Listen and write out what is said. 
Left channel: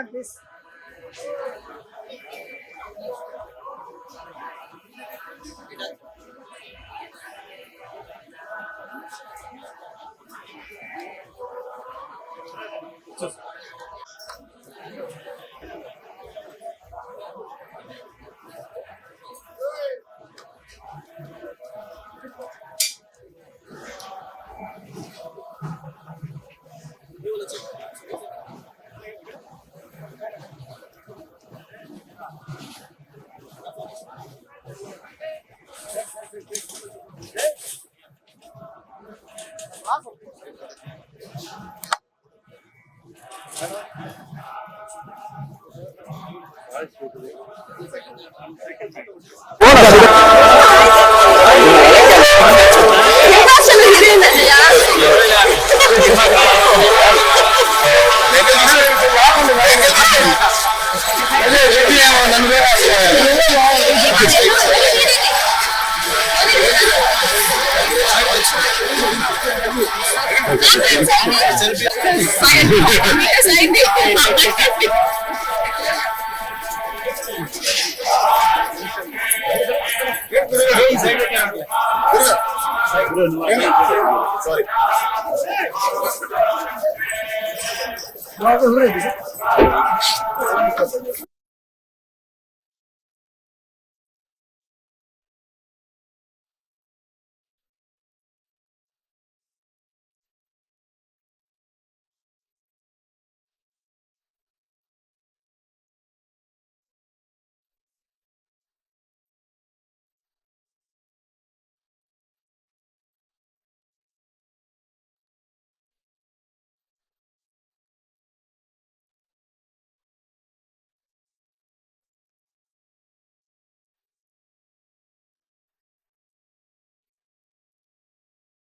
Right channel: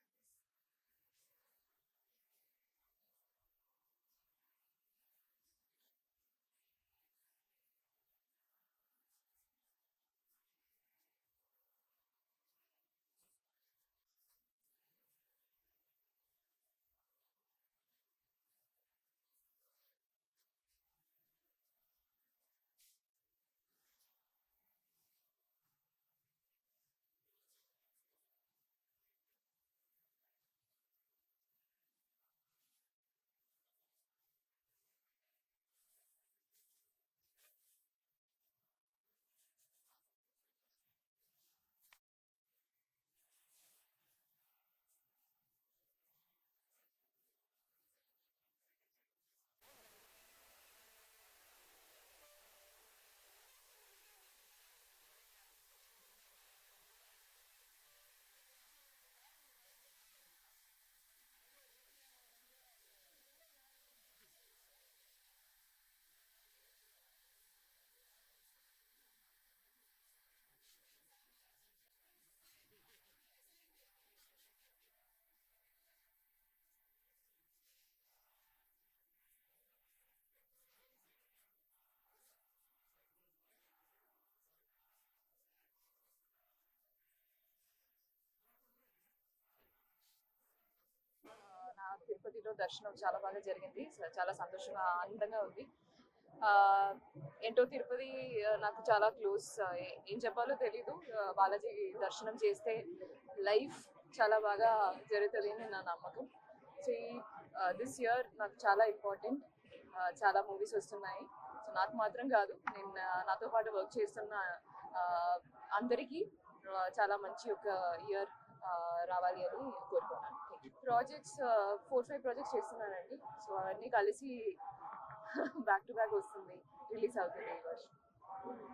Madam please. తిరుపతిలో దర్శనం చాలా బాగా జరిగింది. చాలా సంతోషంగా ఆనందంగా ఉంది. ఏంటో తిరుపతి నాకు చాలా క్లోజ్. ఏం చెప్పాలో తెలీదు. బాలాజీ దర్శనం చేస్తే లైఫ్ చాలా బాగా జరుగుతుంది అని నా నమ్మకం. సో దిస్ ఇయర్ నాకు చాలా ఇంపార్టెంట్. చాలా మూవీస్ వస్తున్నాయి. సో నాకు మాత్రం కాదు, నేను నాతో పాటు వర్క్ చేస్తున్న అందరికీ చాలా మంచి ఒక ఇయర్ రావాలి అని కోరుకున్నాను. ప్రాజెక్ట్స్ 4-5 ప్రాజెక్ట్స్ చేస్తున్నానండి. సో అవన్నీ కలిసి బ్యాక్ టు బ్యాక్ వస్తుంది, రిలీజ్ అవుతుంది ఈ వర్షం.